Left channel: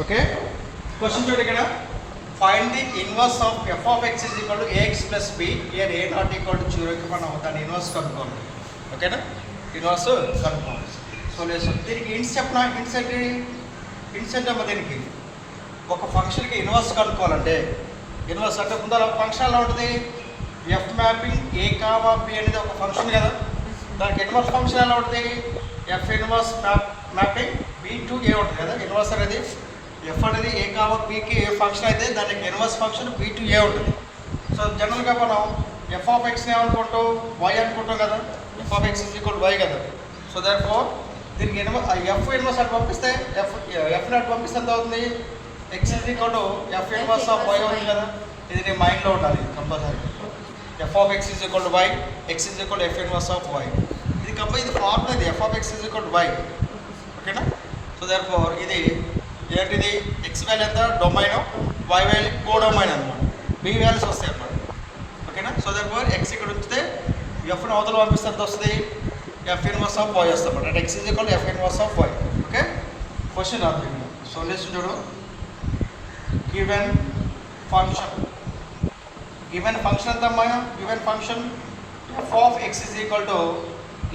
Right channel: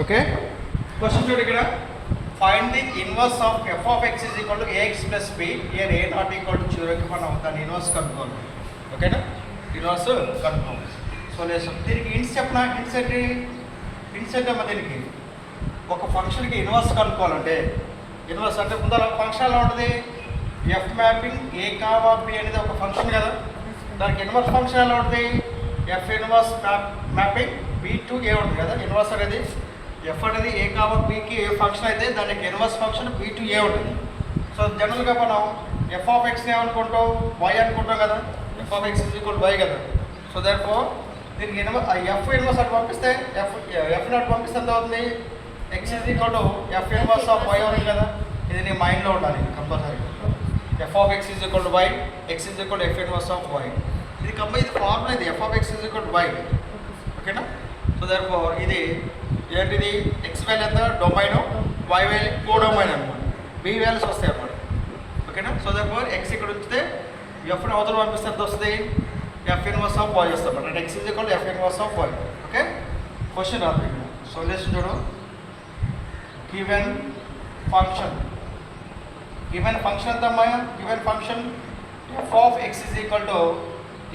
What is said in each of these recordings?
Okay, question చూడు ఇక్కడ. Find the inverse of F of X is equal to AX plus B where A not equal to జీరోకి మనం దాని inverse కనుక్కోవాలి. ఓకేనా, ఇన్వర్స్ కనుక్కోవాలి. సో లేదు దీనికి హింట్స్ చెప్పనా, హింట్స్ ఏంటి, హింట్స్ ఏంటమ్మా దీనికి. ఒక ఫంక్షన్కి ఇన్వర్స్ కనుక్కోవాలంటే, ఇన్వర్స్ అంటే ముందర ఫంక్షన్ ఎలా ఉంటుంది, ఎఫ్ మ్యాపింగ్ ఏ కావా బి అనేది ఒక ఫంక్షన్ కదా, దానికి ఇన్వర్స్ ఫంక్షన్ ఎలా ఉంటుంది, F inverse mapping B to A ఉంటుంది కదా. ఇన్వర్స్ అనేది ఎఫ్ అనేది ఏ కావా బికి ఏ ఫంక్షన్ అయితే దానికి inverse function B to A ఉంటుంది. సో జనరల్గా మనం ఎఫ్ ఆఫ్ ఎక్స్ని ఏమనుకుంటాం, వై అనుకుంటాం కదా, F of X equal Y కదా. సో దానిఫోర్ దీనికి ఎఫ్ ఇన్వర్స్ అటు పంపిస్తే ఎఫ్ నాట్ పంపిస్తే ఎంత అవుతుంది, X is equal to F inverse of Y అవుతుంది కదా. ఇది నీ మైండ్లో ఉండాలి compulsory. F of X is equal to Y, X is equal to F inverse of Y. ఇది ఇది ఫార్ములా, ఇది F of X is equal to Y. ఓకేనా. సో దానిఫోర్ ఇది ఏంటిది, ఎక్స్ వాల్యూ ఎంత domain, Y value co domain అనమాట, B values వస్తాయి అన్నమాట. ఓకేనా. సో దానిఫోర్ ఎక్స్ ఇక్కడ ఉంచితే ఎఫ్ని అవతల పంపిస్తే ఎంత వస్తుంది, ఎఫ్ ఇన్వర్స్ ఆఫ్ వై వస్తుంది అన్నమాట. X is equal F inverse of Y. Okay, question రాదు. సో నెక్స్ట్ చూడు, గివెన్ ఫంక్షన్, గివెన్ ఫంక్షన్ ఎంత అమ్మా, given function F of X is equal to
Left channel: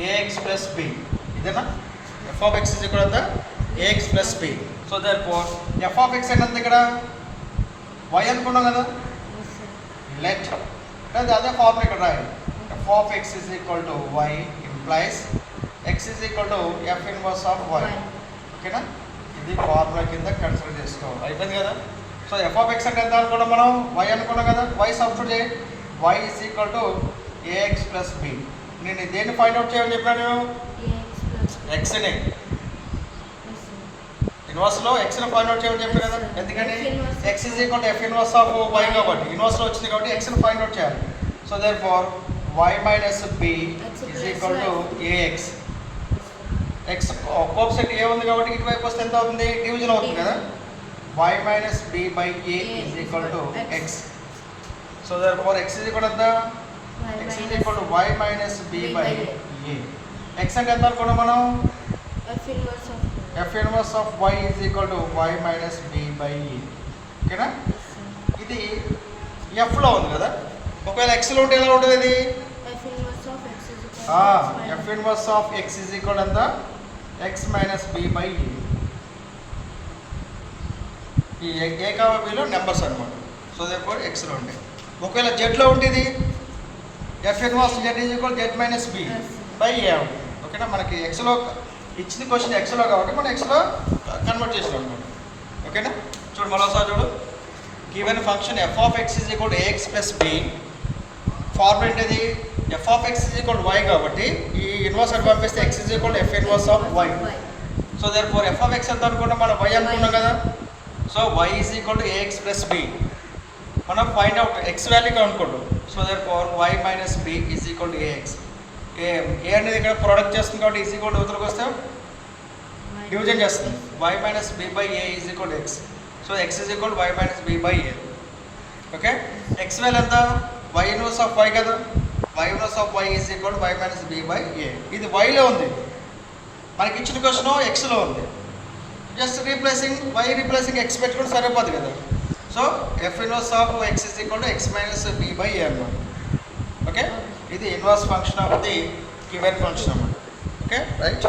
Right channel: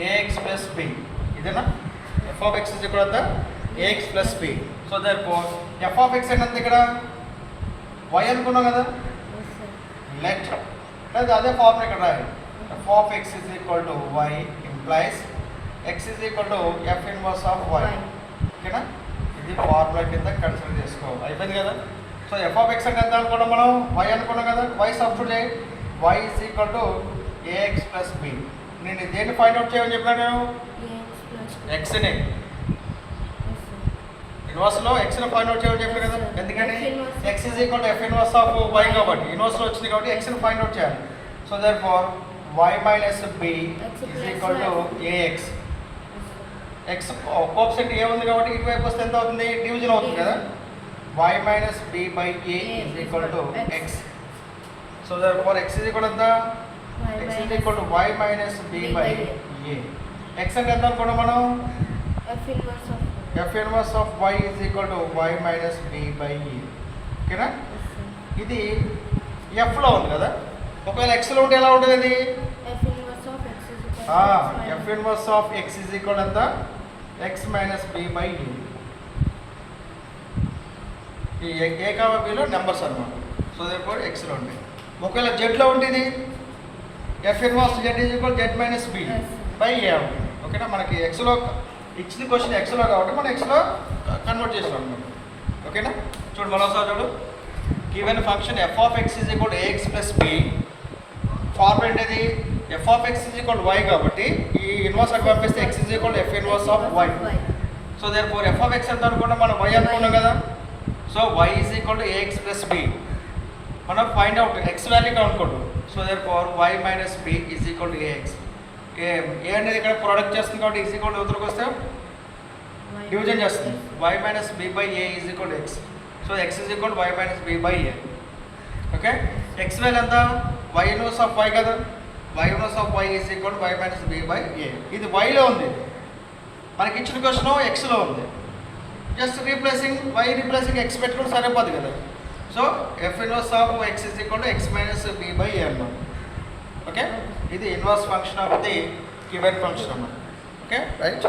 AX plus B. ఇదేనా, F of X is equal ఎంత AX plus B. So therefore F of X అంటే ఇక్కడ why అనుకున్నాం కదా, let లేదా అదే ఫార్ములా ఇక్కడ రాయాలి. F of X is equal to Y implies X is equal to F inverse of Y. ఓకేనా, ఇది ఫార్ములా కింద కన్సిడర్ చేసుకోవాలి. అయిపోయింది కదా. సో ఎఫ్ ఆఫ్ ఎక్స్ అంటే ఎంత అనుకున్నాం మనం, వై అనుకున్నాం కదా, వై సబ్స్టిట్యూట్ చేయి, Y is equal to AX plus B. నేను దేన్ని ఫైండ్ అవుట్ చేయమని చెప్పాను, ఎక్స్ని ఇన్వర్స్లో ఎక్స్ని ఫైండ్ అవుట్ చేయమని చెప్పాను కదా. ఎందుకని X is equal to F inverse of Y కాబట్టి, ఇన్వర్స్లో వచ్చింది కాబట్టి ఎక్స్ని ఫైండ్ అవుట్ చేయాలి. So therefore Y minus B is equal to AX. X coefficient A ఉంది కాబట్టి ఇటువైపు వస్తే ఎంత అవుతుంది, డివిజన్ అవుతుంది కదా. y minus b by a is equal to x. So therefore x is equal to the x is equal to y minus b by a. x అంటే ఎంత అనుకున్నాం మనం, f inverse of y is equal to y minus b by a. ఓకేనా. ఇది f లో ఉంది కదా, ఒకవేళ x లో ఉంటే ఎలా ఉంటుంది ఇది, f inverse of x is equal to the x minus b by a. ఈ ఏ కావా బిలో నెంబర్స్ అనమాట. సో దేర్ఫోర్ ఎక్స్లో ఉంటాయి. ఒకవేళ జెడ్లో ఉంటుంది F inverse Z is equal Z minus B by A ఉంటుంది. ఓకేనా, మనకి ఎక్స్లో ఇచ్చిన క్వశ్చన్ ఎక్స్లో కాబట్టి మనం ఎక్స్లో కన్వర్ట్ చేసాం అనమాట. ఓకేనా. చూడు మరోసారి చూడు, given function F of X is equal AX plus B. Formula ఏంటిది, F of X is equal Y కాబట్టి ఈ ఇన్వర్స్ అని పంపిస్తే X is equal F inverse of Y. So therefore F of X ఎంత అనుకుంటాం మనం, వై అనుకున్నాం కదా. So y is equal to AX plus B. మనం ఫైండ్ అవుట్ ఎక్స్ వాల్యూ కనుక్కోండి. So therefore y minus B is equal to AX. A అనేది ఇక్కడ product చేస్తుంది కాబట్టి ఈజ్ ఈక్వల్ టు యువతలకు వస్తే డివిజన్ చేస్తుంది. y minus B by A is equal to X. So X is equal to y minus B by A. Okay, X value ఎంత, y inverse of y కదా, y inverse of y is equal to y minus B by A. ఇది వైలో ఉంది, మనకి ఇచ్చిన question ఎక్స్లో ఉంది. Just replacing Y replacing X పెట్టుకుంటే సరిపోదు కదా. So F inverse of X is equal to X minus B by A అన్నమాట. ఓకే, ఇది inverse function of the given function అన్నమాట. Okay right.